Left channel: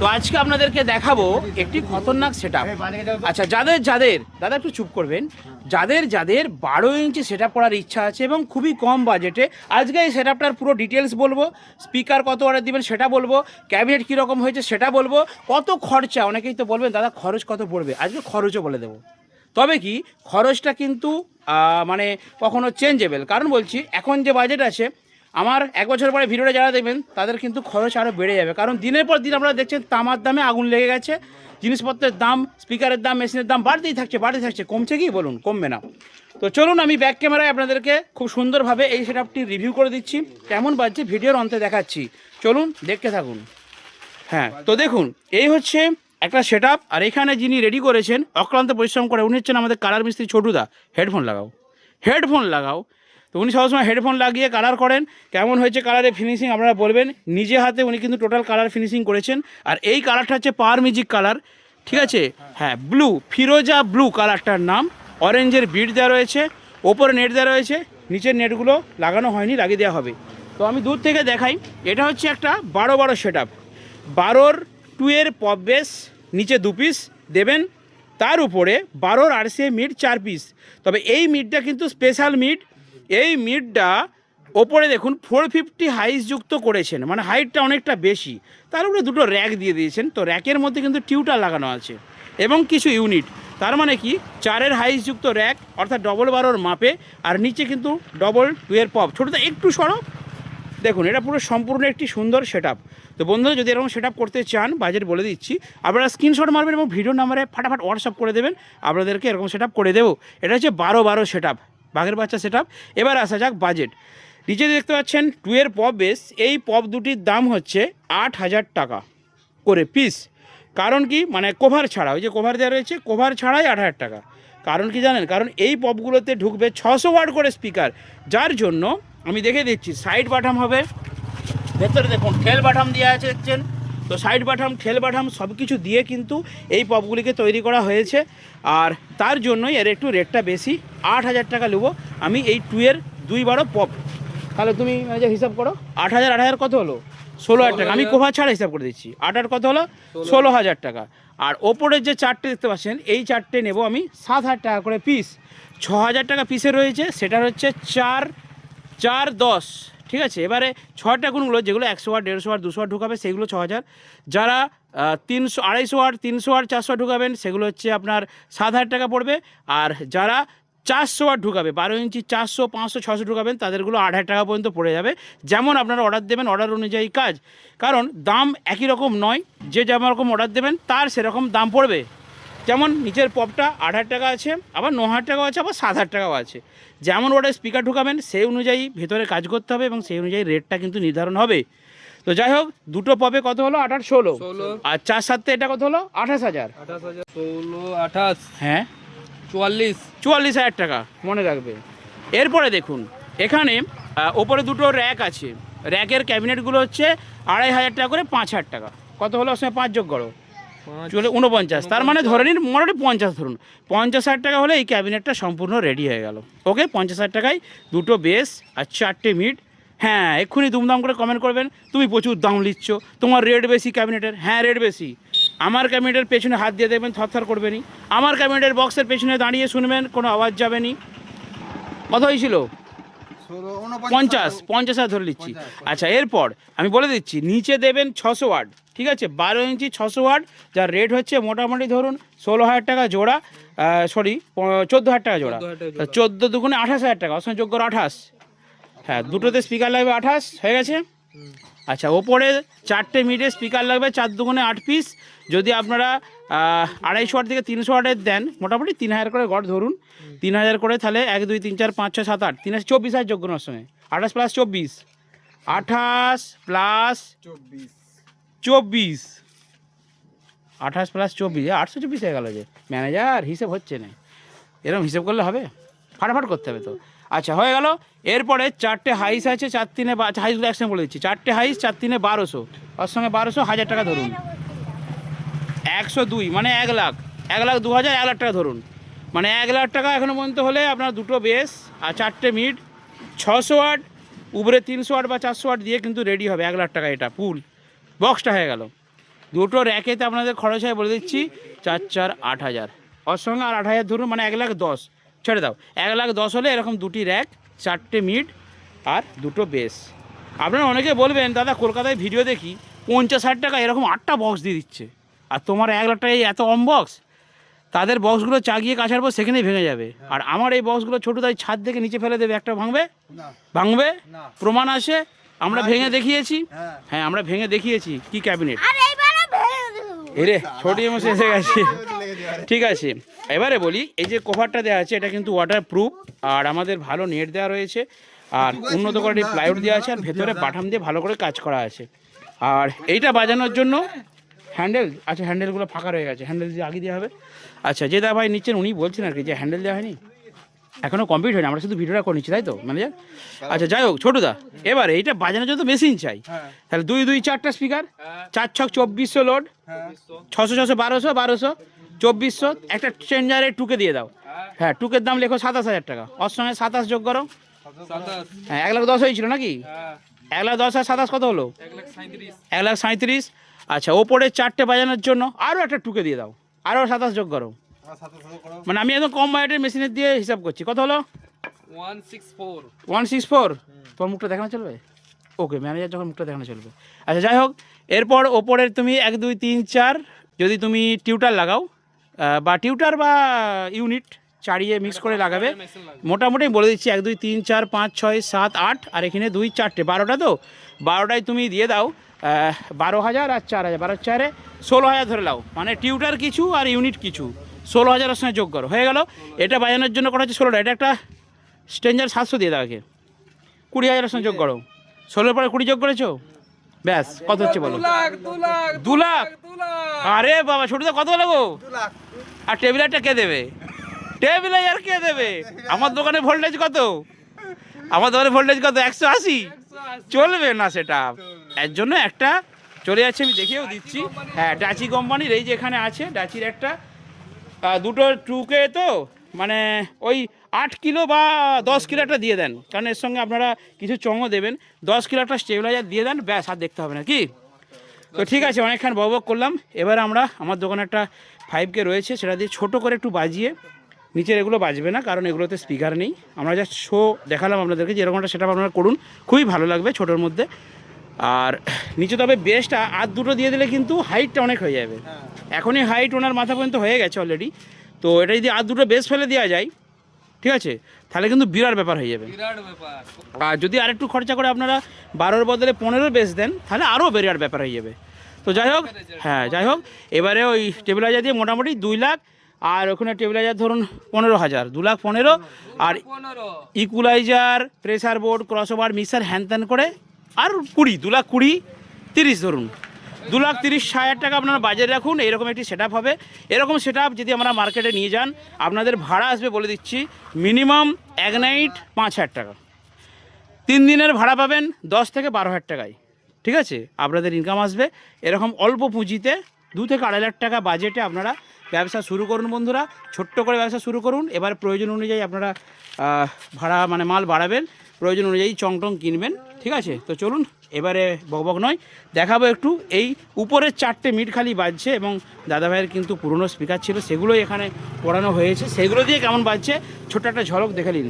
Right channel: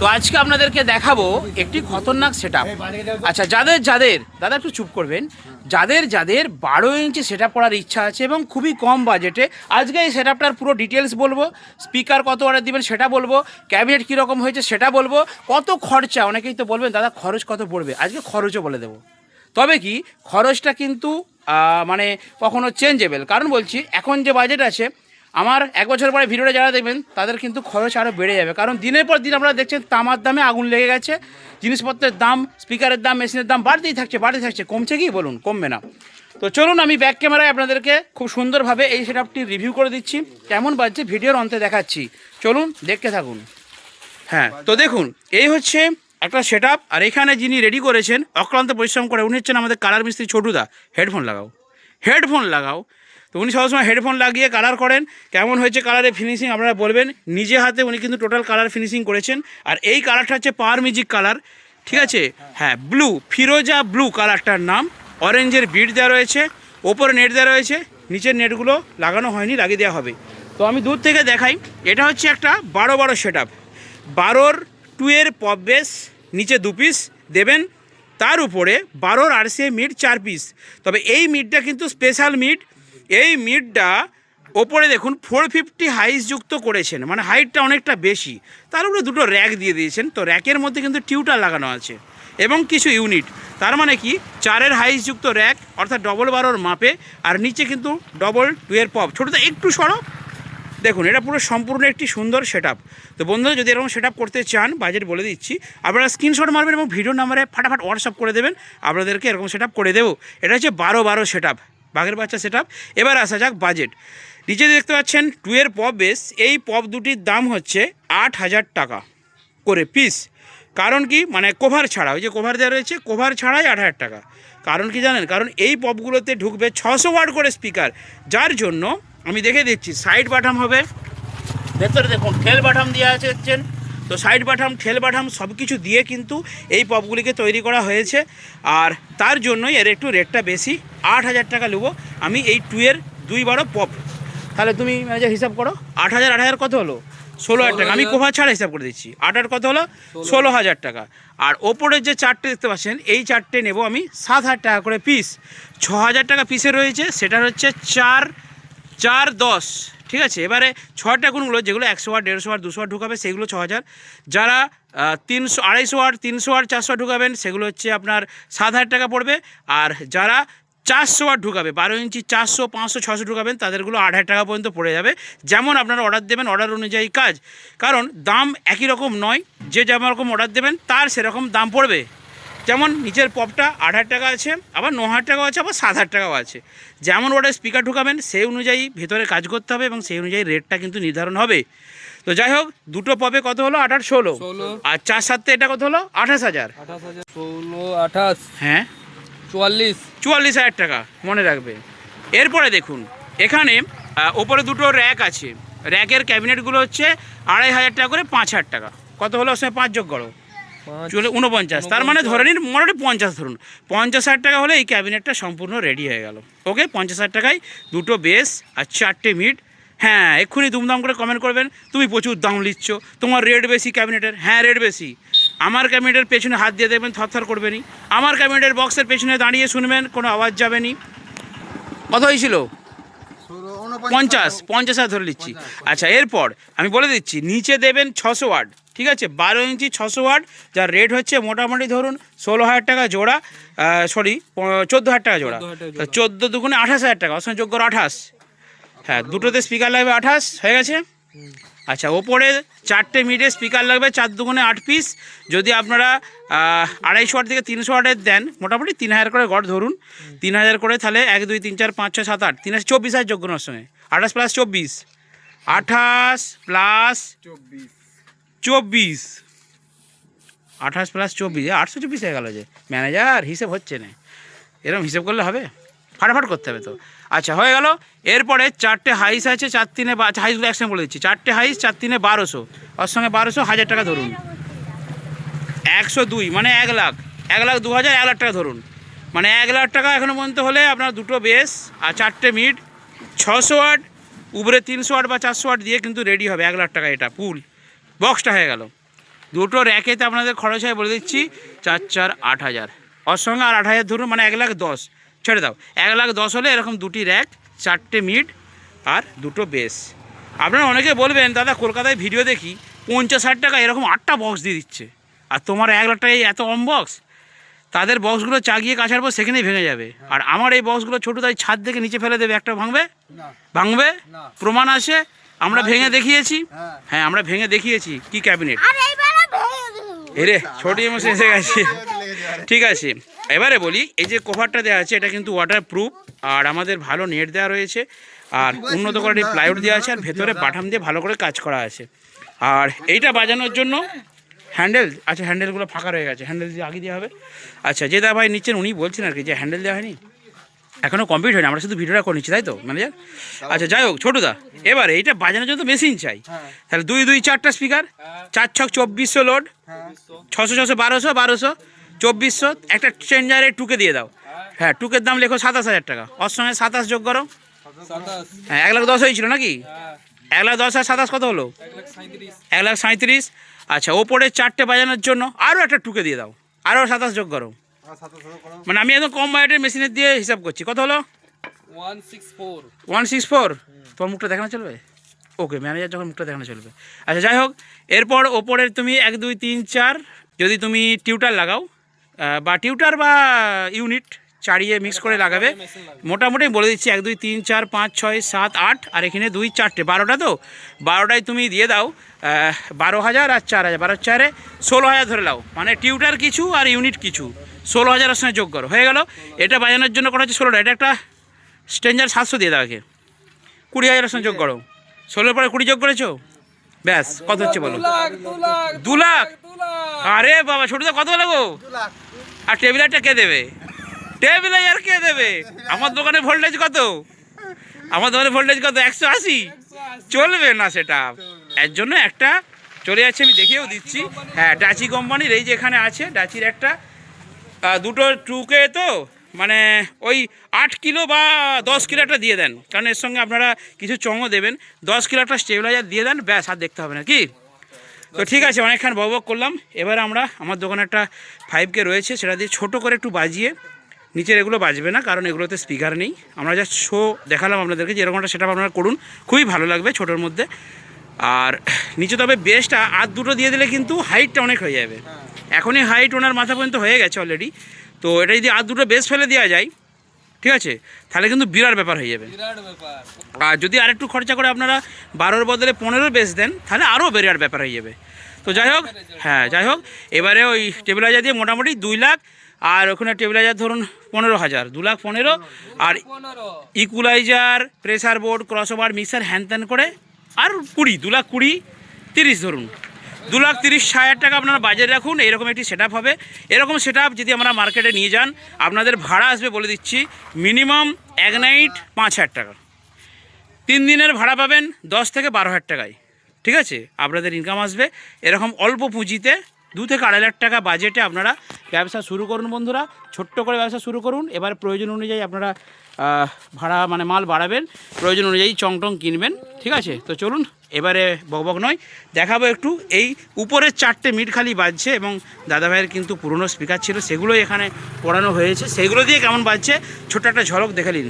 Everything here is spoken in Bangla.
তো আজকে আপনাদেরকে দেখাবো একটি খতরনাক সেটআপ। আচ্ছা, যাদের যাদের দাদা একটু চুপ করবেন, যাদের যাদের 12 ইঞ্চি সেটআপ করার ইচ্ছা আছে এবং খুবই কম বাজেটে, আজকে এই সেটআপটার পুরো ডিটেলস বলবো। স্পিকার কত অর্ডার দিবেন সেটা বলবো, ক্যাবিনেট কীরকম হয়েছে সেটা বলবো, কত খরচা। অনেকেই তো বলবেন দাদা খরচ কত পড়বে, আজকে খরচও বলে দেবো। তবে কি খরচটা কিন্তু মানে কখনো চেঞ্জেবল, কারণ বলছি এখন যে বাজেট আছে, আমার 1 বছর পরে ভিডিওটা যারা দেখবেন তাদের কিন্তু খরচ আরও বেড়ে যাবে। কারণ দিনের পর দিন আপনারা দেখছেন তামার দামে আগুন লেগে গেছে, জিনিসপত্রের দাম, স্পিকারের দাম, মেশিনের দাম বাড়তেই থাকছে। কমছে কি বলুন? কমবে না। তো চলুন আমি ব্যাক ক্যামেরায় আপনাদেরকে খুব সুন্দরভাবে এই সেটআপটি রিভিউ করে দিচ্ছি, কেমন বাজছে ভিডিওর অন্তে দেখাচ্ছি। চলুন দেখতে থাকুন। হ্যাঁ, তো দেখুন এই হচ্ছে একটা সেটআপ। আর এখানে যিনি রেডি করেছেন অক্লান্ত পরিশ্রম করে, উনি হচ্ছেন আমাদের কালার মিস্ত্রি ছোটুদা। হেডফোন লাগাও। তো উনি সবসময় হেডফোন লাগিয়ে কালার করেন। কেমন হয়েছে কালারের ফিনিশিং আপনারা বলবেন। নিজে হাতে উনি কিন্তু টোটাল কালার ফিনিশিং করেছেন। আর এই কালারটা হচ্ছে পাওয়ার মিউজিক কালার, ঠিক আছে? হ্যাঁ, ব্লু, ফিরোজা ব্লু কালারটার নাম। অরেঞ্জের বিট দেওয়া রয়েছে, ওপরে নেট দেওয়া রয়েছে, নিচের নেটগুলো লাগানো হয়নি, লাগিয়ে দেওয়া হবে। তো আমি দূর থেকে দেখাই। এটা হচ্ছে একটা 12 সেটআপ। 12 2-এর পপ বেস, নিচে 2 পিস দেবেন, তার উপরে 12 RCA মিড 4 পিস। তবে এই মিডটা কিন্তু স্পেশাল মিড। এই মিডটা ওপরে দেখুন 450 হাইস যুক্ত করেছেন, মানে হাইটটা অনেকটা বেশি। তার উপরে দুটো র্যাক দিয়ে দিয়েছেন। তো র্যাকের মধ্যে কিন্তু টিউটার লাগানো আছে এবং কিছু ইউনিট। তার মানে কি 4-এর হাইস যুক্ত র্যাক, অর্থাৎ ডবল 12-র মাপে। আর নিচে কিন্তু ডবল 2-এর পপ। ছোটোটা একটু সরো, দেখুন এটা পুরো সম্পূর্ণ একটি সুন্দর সেটআপ। তো বন্ধুরা যদি এরকম সেটআপ করতে চান, বাজেট বলে দিচ্ছি, আপনারা স্ক্রিনশট মারবেন এবং ভিডিও নাম্বারে ফাটাফাট হোয়াটসঅ্যাপ করে দেবেন, আপনাদেরকে এরকম সেটআপ করে দেবো। এটা হচ্ছে 12 সেটআপ, বাঘের বাচ্চা সেটআপ। এবার আসা যাক বাজেট। নিচে দেখতে পাচ্ছেন 2-এর পপ বেস। এই পপ দুটির দাম হচ্ছে 8,000 টাকা করে পিস। কারণ কি, মানে কভার ছাড়া, ওই যে কভার দেওয়া রয়েছে, কভার ছাড়াই 8,000 টাকা। কারণ কি জানেন? কারণ এই পপগুলোতে ঢুকবে 600 ওয়াট করে স্পিকার, যার জন্য আমি দেখে দিচ্ছি। সাইড বাটাম হবে, ভেতরে দেখুন ঠেল বাটাম দেওয়া আছে, দেখছেন তো? সাইড বাটাম, ঠেল বাটাম সব কিছু দিয়ে কিন্তু এই পপগুলিকে তৈরি করা হয়েছে। আর তার জন্যই এর একটু রেটটা বেশি। 8,000 টাকা নেবো আমি এই 2-এর 2-12 পপ। তাহলে তুমি ম্যানেজার হিসাব করো, 8,000 কত হলো? 16,000 টাকা। আমি কোভার ছাড়া হিসাব করে দিচ্ছি। 8 কত হলো? 16,000 টাকা। আর ওপরের যে 4টে দেখতে পাচ্ছেন, এই 4টে নেব আমি 7,000 টাকা করে পিস। 6,000 টাকা পিসে রয়েছে, সেটা হচ্ছে 4-4-10, ঠিক আছে? এবারে 6টা কোনগুলো, যেগুলো 100 ওয়াট, 150 ওয়াট, 200 ওয়াট ঢুকাবে, সেগুলো 6,000। যারা 300, 250 ওয়াট, 300 ওয়াট, 400 ওয়াট ঢুকাবেন, সেগুলো হচ্ছে আপনার 7,000 টাকা পড়বে। আর যারা 400 ওয়াট ঢুকাবে, 12 ইঞ্চি 400, 500, 600 ঢুকাবেন, তাদেরগুলো 8,000 টাকা পর্যন্ত পড়ে যাবে। যেমন আপনারা অর্ডার দেবেন, অর্ডার অনুযায়ী কাজ। কারণ দাম একই রকম নয়, যে যেমন রকম অর্ডার দেবেন তার সেরকম দাম পড়বে। যেমন নিচের পপটা 8,000 টাকা আছে, আবার 9,000 টাকাও আছে, আবার 7,000 টাকাও আছে। যেমন ওয়াটের স্পিকার ঢুকাবেন সেই অনুযায়ী ভেতরে কাজ করতে হবে এবং সেই অনুযায়ী রেটটা কিন্তু নির্ধারণ হবে। তো যাই হোক, দুটো পপে কত হলো? 8 আর 16, আর 4-7 এটা কত হলো? 28,000। 16, 28, হ্যাঁ 44,000 টাকা, মনে রাখবে। এরপরে দেখুন এখানে ওপরে দুটো র্যাক আছে। র্যাকের ক্যাবিনেটগুলো হচ্ছে 2,500 টাকা করে, 5,000 টাকা। কত হলো? ওর সঙ্গে 5 যোগ করো, 49। তার মানে ধরে নিন মোটামুটি 50 ধরুন। 50,000 টাকা হলে এই ক্যাবিনেটটা সম্পূর্ণ রেডি হয়ে গেল। ওকে, 50,000 টাকায় দুটো বেস আর 4টে মিড। হ্যাঁ, এক্ষুনি দুমদাম করে কমেন্ট করবেন, তুমি প্রচুর দাম নিচ্ছ, তোমার রেট বেশি ক্যাবিনেটের। হ্যাঁ, রেট বেশি। আমার ক্যাবিনেটের পেছনে হাত দিয়ে দেখবেন থরথর করবেনি। আমার ক্যাবিনেটের বক্সের পেছনে দাঁড়িয়ে শুনবেন, কোনো আওয়াজ যাবেনি। কত হয়েছিল? 50,000 ধরে নিচ্ছি। আচ্ছা, এরপর আমি বলে দিচ্ছি, নিচে দেবেন 600 ওয়াট, ঠিক আছে? 12 ইঞ্চি 600 ওয়াট, যার রেট হচ্ছে মোটামুটি ধরুন 16,000 টাকা জোড়া, 14,000 টাকা জোড়া। 14 দুগুণে 28,000 টাকা, অসংখ্য যোগ্য 28। হ্যাঁ, দুটোতে স্পিকার লাগবে 28, হয়ে গেছে। আচ্ছা, ওপরে 4টে মিডে স্পিকার লাগবে, 4 দুগুণে 8 পিস। যদি আপনারা 250 ওয়াট থেকে 300 ওয়াটের দেন, মোটামুটি 3,000 করে গড় ধরুন। 3,000 করে, তাহলে 1, 2, 3, 4, 5, 6, 7, 8, 3, 24,000 যোগ্য ওর সঙ্গে। 28 প্লাস 24, 28 প্লাস 24, 28 প্লাস 24, 824 হয়ে গেল। যে ম্যানেজার হিসেব হচ্ছে না, এরকম হিসেব করলে হবে? ফাটাফাট করতে হবে তো। আচ্ছা, হয়ে গেল। এরপরে 4টে হাইস আছে, 4-3, হাইসগুলো একসঙ্গে বলে দিচ্ছি। 4টে হাইস, 4-3, 1200, ওর সঙ্গে 1200, 1,000 টাকা ধরুন। 102 মানে 1 লাখ, 1,02,000, 1 লাখ টাকা ধরুন। মানে 1 লাখ টাকা এখনও পর্যন্ত হলে আপনার দুটো বেস আর 4টে মিড, 600 ওয়াট, উপরে 300 ওয়াট বা 400 ওয়াট দিয়ে কিন্তু রেডি হবে 1 লাখ টাকা। এটা ফুল বক্সটা হয়ে গেল। দুটো র্যাকেতে আপনাদের খরচ হয় বলে দিচ্ছি 4 4 8,000, ওর সঙ্গে আর 8,000 ধরুন, মানে 1,10,000 ছেড়ে দাও। 1,10,000 হলে এরকম দুটি র্যাক, 4টে মিড আর দুটো বেস। আপনারা অনেকে বলবেন দাদা কলকাতায় ভিডিও দেখি 50,000 টাকা এরকম 8টা বক্স দিয়ে দিচ্ছে, আর তোমার 1 লাখ টাকায় এত কম বক্স। তাদের বক্সগুলো চাগিয়ে কাছার পর সেখানেই ভেঙে যাবে। আর আমার এই বক্সগুলো ছোটো, তাই ছাদ থেকে নিচে ফেলে দেবে, একটা ভাঙবে? ভাঙবে, প্রমাণ আছে, আমরা ভেঙে দেখিয়েছি। হ্যাঁ, আমরা ভেঙে দেখিয়েছি কি ক্যাবিনেট। এরে ছোট মশে এসে গেছে। ঠিক আছে, এবারে বলি, এই যে কভারটা দেওয়া আছে এটা কিন্তু ওয়াটার প্রুফ, আর আমাদের ভালো নেট দেওয়া রয়েছে, আর উন্নত কোয়ালিটির প্লাইউড দেওয়া আছে, আর ভেতরে বাটাম দিয়ে ভালো করে কাজ করা আছে। আর এইটা বাজানোর জন্য হ্যান্ডেল, আচ্ছা হ্যান্ডেলগুলো ফাঁকা রয়ে গেছে, হ্যান্ডেল দিয়ে আগে দেওয়া হবে। আচ্ছা, যে দা ভাই নিচ্ছেন উনি বলছেন আর কি যে হ্যান্ডেল দেওয়া হয়নি, এখনও কমপ্লিট হয়নি, আমরা শুধু ভিডিওটা করে নিচ্ছি, তাই তো ম্যানেজার? আচ্ছা যাই হোক ছোটুদা, এবারে এইটা বাজানোর জন্য তো মেশিন চাই, তাহলে 2 2 4টা স্পিকার, 4 6 2400 লোড, 600 600 1200 1200 2400, একটা চেঞ্জারে টুকে দিয়ে দাও। হ্যাঁ, টুকের দাম লেখো 27,000 টাকা, ওর সঙ্গে 27 যোগ করো। হ্যাঁ, 1,10,000 হয়েছিল নাকি? 1,10,000 আর 27 কত হলো? 1,37,000। আচ্ছা, ওপরে 4টে বাজানোর জন্য আরও একটা টুকে দিয়ে দাও, আরও 27 যোগ করো। মানে আমি একদম কম বাজেটের মেশিনের দিয়ে হিসাব করছি, কত হলো? 164। তোমার মুখটা দেখানো চলবে? ওকে, ম্যানেজার যখন মুখটা দেখানো চলবে। আচ্ছা যাই হোক, এরপর ওপরের তুমি 1 2 3 4 যদি তুমি টিউটার লাগাও, বা টিউটার বা ইউনিট চাড়িয়ে মিক্স করে লাগাবে, মোটামুটি বলে দিচ্ছি 1 2 3 4 5 6 7 8, আর এখানে 2 4টে 12টা, তো 12টায় তুমি দিয়ে দাও 12,000 আর 4,000, 12 4-এ 16,000 ধরে নাও, মানে টিউটার কিছু আর ইউনিট কিছু, 16,000 সঙ্গে যোগ করো, হয়ে গেল। এটা বাজানোর জন্য করা হচ্ছে 16টা, এটা একটা স্ট্রেঞ্জার 700 দিয়ে দাও, আগে 20,000 সঙ্গে যোগ করো, 16 পরে 20 যোগ করেছো, ব্যাস কত হচ্ছে বলো? 2 লাখ। আরে বাবা ছোটদা কত লাগো? আর টেবিলারটা কে দেবে? টেবিলার কে দেবে? আমার দোকানে ভোল্টেজ কত? আমার দোকানে ভোল্টেজ কত? 180। চলবে না সেটা, এর জন্য একটা চলে যাচ্ছে, আমি দেখিয়েও দিচ্ছি। হ্যাঁ, ডাচি কোম্পানির এই যে এখানে আছে, ডাচির একটা, দুটো টুকে, তো মানে ওই 8 কিলো বা 10 কিলো একটা দিয়ে দেন, কারণ এর সঙ্গে আপনারা কিছু চঙও দেবেন, 10 কিলো একটা স্টেবিলাইজার দিয়ে দেন, ব্যাস আর দেখতে হবে না কি। তো ঠিক আছে, অনেকক্ষণ বক করলাম। এবার আমরা, আমার দোকানে একটা 5K রয়েছে, সেটা দিয়ে ছোটো করে একটু বাজিয়ে, নিচের এগুলো বাজবে না কারণ এগুলোতে স্পিকার নেই, আমরা জাস্ট শো দেখালাম আপনাদেরকে যে এরকমটা সেটা আপনারা করুন, খুবই ভালো লাগবে ছোটোর মধ্যে। আর নিচে তবে বেসটা আর দুটো দিয়ে দিলে কিন্তু হাইটটা অনেক হয়ে যাবে, এখনই হাইট ওনার মাথা পর্যন্ত হয়ে গেছে অলরেডি, তো এটা যদি আর দুটো বেস ফেলে দেওয়া যায়, ঠিক আছে, তাহলে কিন্তু বিরাট ব্যাপার হয়ে যাবে। আর যদি আরেকটু খরচা করে আপনারা 12-র বদলে 15 বেস দেন, তাহলে আরও বিরাট ব্যাপার হয়ে যাবে। তো যাই হোক, হ্যাঁ যাই হোক, এবারে ওই টেবিলাইজার দিয়ে মোটামুটি 2 লাখ, আর ওখানে টেবিলাইজার ধরুন 15,000, 2 লাখ 15, আর equaliser, pressure board, crossover, mixer, হ্যান ত্যান করে আর 20, 2 লাখ 20, 30 ধরুন, 2,30,000 টাকা আপনারা বাজেট রাখুন। এরকম একটি সেট হবে। এরকম সেট যদি আমরা মার্কেটে নিয়ে যান, আপনাদের ভাড়া আসবে বলে দিচ্ছি মিনিমাম 1 নাইট 5,000 টাকা, 3 দিনের ভাড়া পাবেন 10 থেকে 12,000 টাকায়, ঠিক আছে, আপনাদের ইনকাম আসবে। এরকম অল্প পুঁজিতে 2 থেকে 2.5 লাখ টাকা বাজেটে আপনারা ব্যবসা শুরু করুন বন্ধুরা, ছোট্ট করে ব্যবসা শুরু করুন। এবার প্রয়োজন অনুযায়ী আপনারা ভাড়া মানে মাল বাড়াবেন, প্রয়োজন অনুযায়ী চংটং কিনবেন, ঠিক আছে। তো চলুন, এবারে বকবক নয়, দেখাবো একটু এই উপরের 4টে মিট খালি বাজছে, এবং দাদাভাইয়ের কিন্তু পুরনো স্পিকার ছিল, সেগুলোই এখানে পড়ানো হয়েছে, সেগুলো দিয়ে কেমন বাজছে ছোট্ট একটা ঝলক দেখে নিন।